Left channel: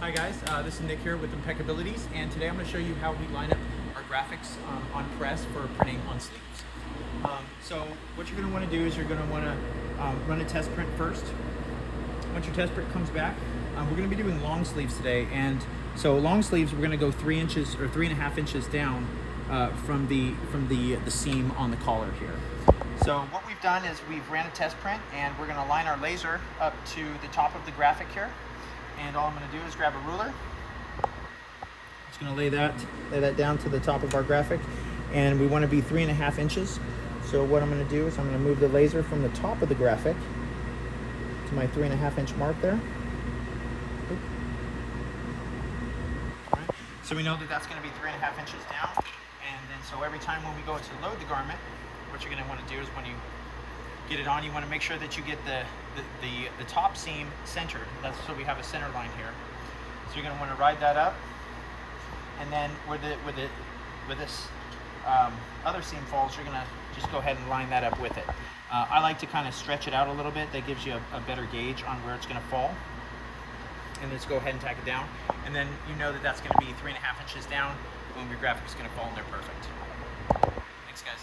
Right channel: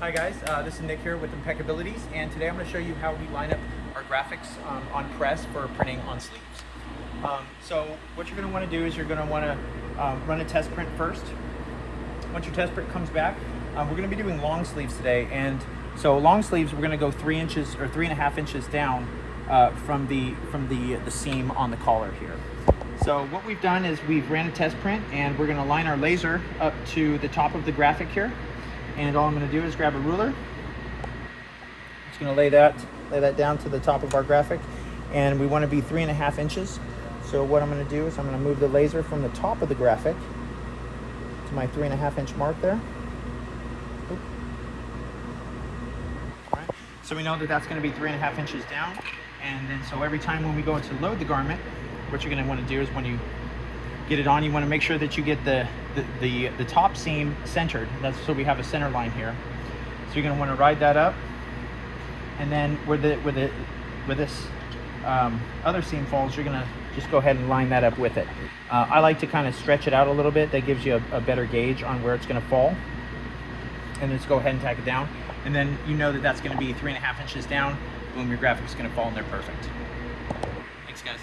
Hi guys, this is Nick here with Impeccabilities, and today I'm going to show you how we line up our graphics on press for printing on sleeves. So what you're going to want to do is you're going to want to run a test print first. Once your test print comes back, we're going to be doing long sleeves today, and so long sleeves we're going to go 3 inches or 3.5 inches down from the seam on the collar here. So what we've done is we've ran a test print, and we're going to line our laser up to the top of the graphic here. And all I'm going to do is grab a ruler. Just going to lay that down to the top of our graphic, and we want to be 3.5 inches. So what I'm going to do is I'm going to move the laser from the top of the graphic to my 3.5 inch mark there. All right. So we know that that's going to be 3.5 inches down, and then so every time when we go to load the garment, what you're going to want to do is when you get it on, you want to make sure that you get the top seam centered. That's so we have a center line here. So you're going to want to ride that up, and then where this other seam falls, you're going to just go ahead and line that up with it. I like to kind of stretch it out a little bit. That gives you a better gauge on where it's going to fall. And then just go ahead and tack it down, and then you know that that's going to be 3.5 inches down. Boom, your graphic's going to fall in there perfect. Thanks guys.